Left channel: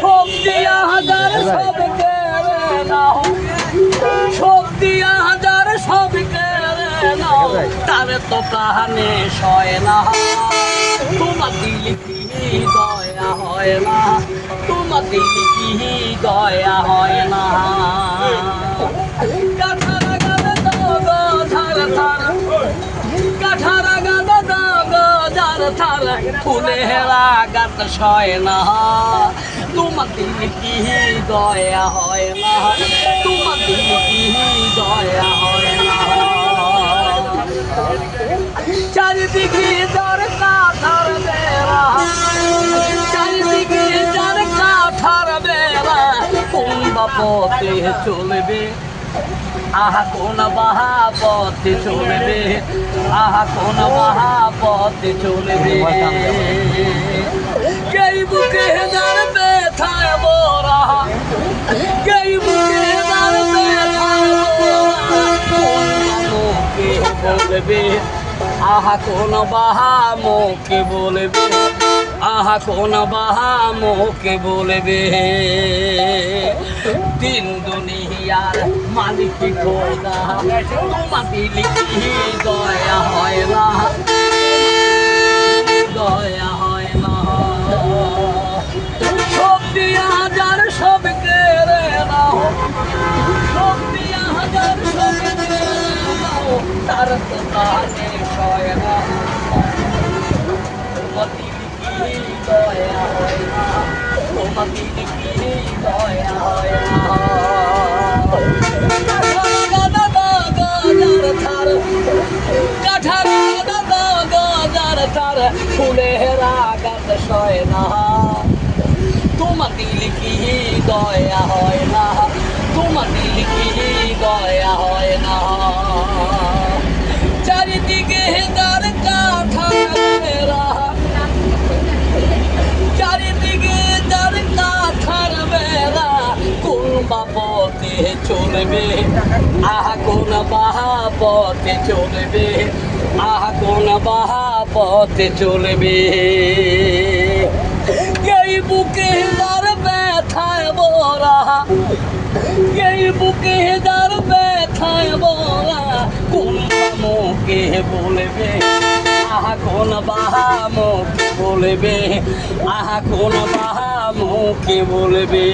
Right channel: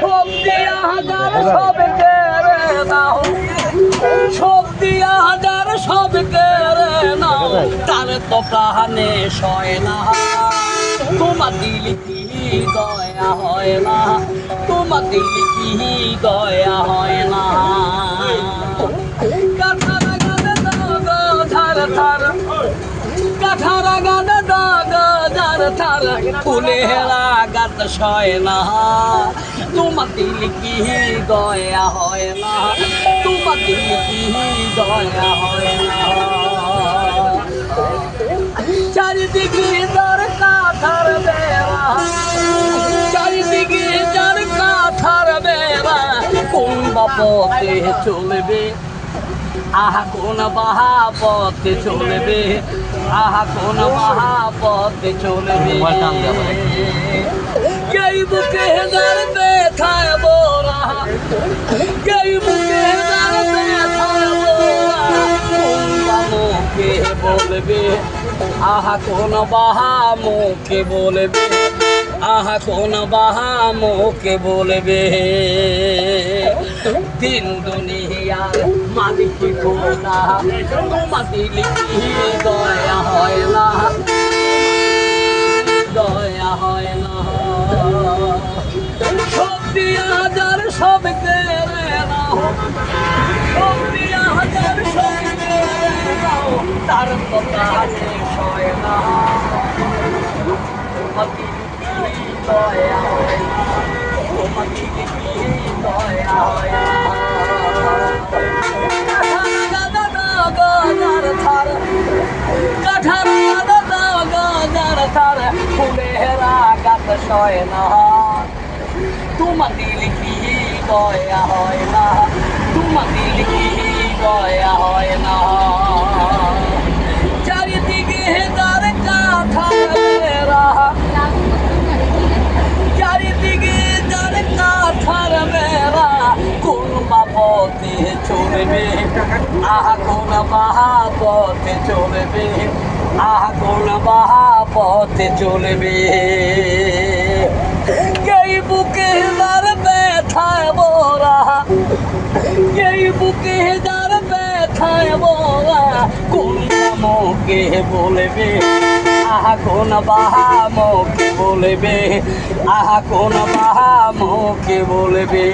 সব দিয়া হাজার সব কেড়ে নাও, সব দিয়া হাজার সব কেড়ে নাও, তারে তো প্রাণে সয় না। তোমার দিলে কি দয়া হয় না, তোমার দিলে কি দয়া হয় না। কাঠারা গালে দাগ ধার ধার, কাঠারা গালে দাগ ধার ধার, ফুলেরা গাত সয় না। তোমার দিলে কি দয়া হয় না, তোমার দিলে কি দয়া হয় না। চারিদিকে যার কাঁথার বেড়া, চারিদিকে যার কাঁথার বেড়া, কোন বাপতে চলবে, আহা কোন বাহা পথে চলবে, আহা কোন বাহা পথে চলবে। কেই বুকে যার ব্যথায় বোরা, কেই বুকে যার ব্যথায় বোরা, কোন মুখে বলবে, আহা কোন বাহা মুখে বলবে, আহা কোন বাহা মুখে বলবে। দিন দুনিয়ার মালিক খোদা, তোমার দিলে কি দয়া হয় না, দয়া হয় না। সব দিয়া হাজার সব কেড়ে নাও, সব দিয়া হাজার সব কেড়ে নাও, তার তো প্রাণে সয় না। তোমার দিলে কি দয়া হয় না, তোমার দিলে কি দয়া হয় না। ফুলেরা গাত সয় না, তোমার দিলে কি দয়া হয় না, তোমার দিলে কি দয়া হয় না। চারিদিকে তার কাঁঠার বেড়া, চারিদিকে তার কাঁঠার বেড়া, কোন বাপতে চলবে, আহা কোন বাহা পথে চলবে, আহা কোন বাহা পথে চলবে। এই বুকে যার ব্যথায় বোরা, এই বুকে যার ব্যথায় বোরা, কোন মুখে বলবে, আহা কোন বাহা মুখে বলবে, আহা কোন বাহা মুখে বলবে।